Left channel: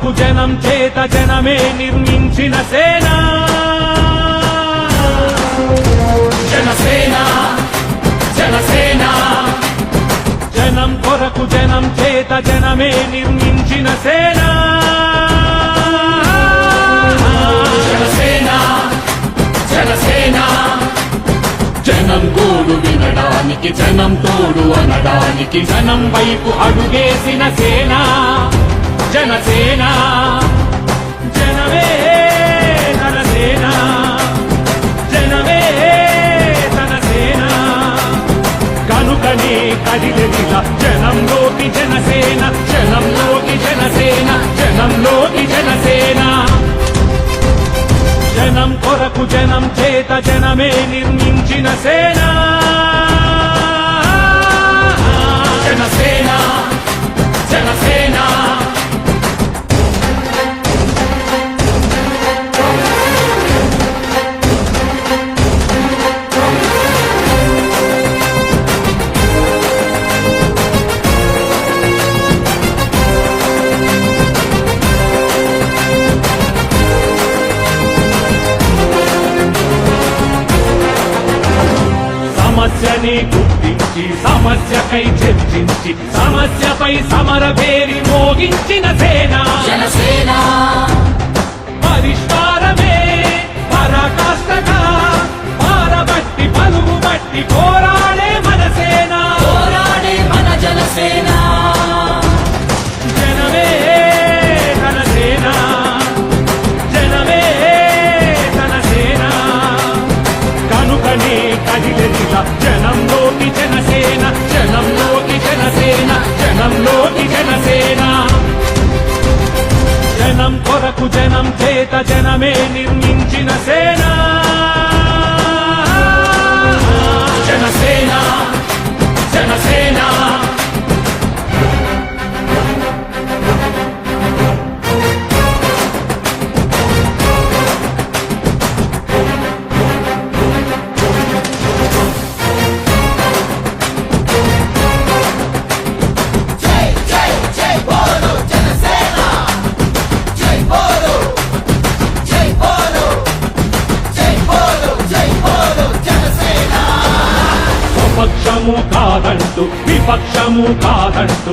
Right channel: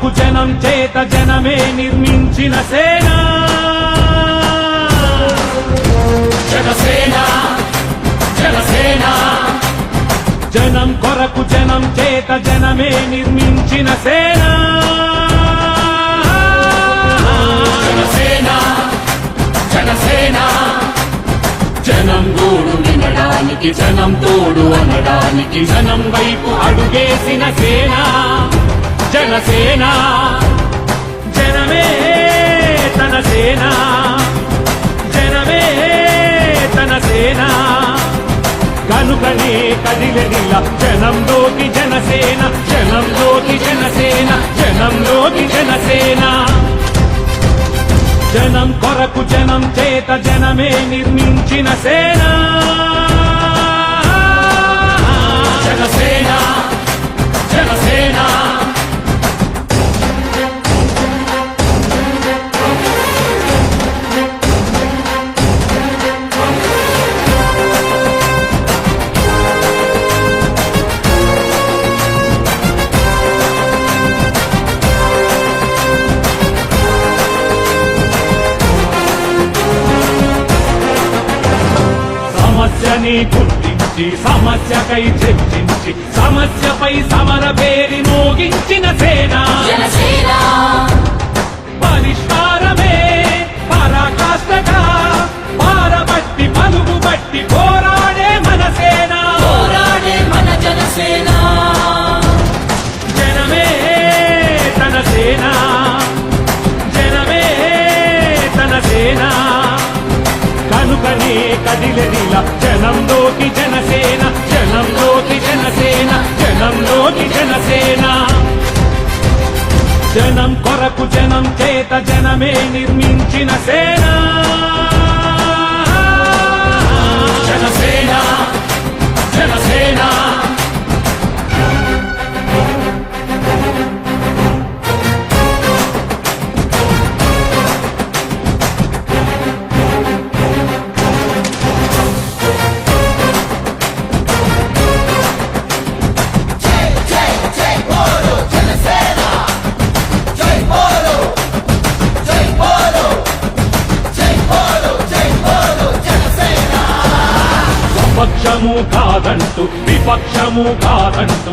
కొరకు జనం చేత జనమే నిర్మించిన సేన జనసేన జనసేన జనం కొరకు జనం చేత జనమే నిర్మించిన సేన జనసేన జనసేన జనం గోడు వినడానికి జనం తోడు అనడానికి జనం వైపు అడుగేసిన సేన జనసేన జనమే తన సేన జనమే తన సేన కనుకనే కదిలెదిలా జనంలోకి జనసేన జనంలోకి జనసేన జనంలోకి జనసేన జనం కొరకు జనం చేత జనమే నిర్మించిన సేన జనసేన జనసేన సమస్యని గుర్తించి సమస్యకై చర్చించి సమస్యపై సమర పేరి మోగించిన సేన పరిష్కారమే పరాకాష్ఠగా పారబట్టి పలుగు బట్టి పోరాడే మన సేన మన జనసేన జనమే తన సేన జనమే తన సేన కనుకనే కదిలెదిలా జనంలోకి జనసేన జనంలోకి జనసేన జనంలోకి జనసేన జనం కొరకు జనం చేత జనమే నిర్మించిన సేన జనసేన జనసేన పక్షము కాదంటూ విపక్షము కాదంటూ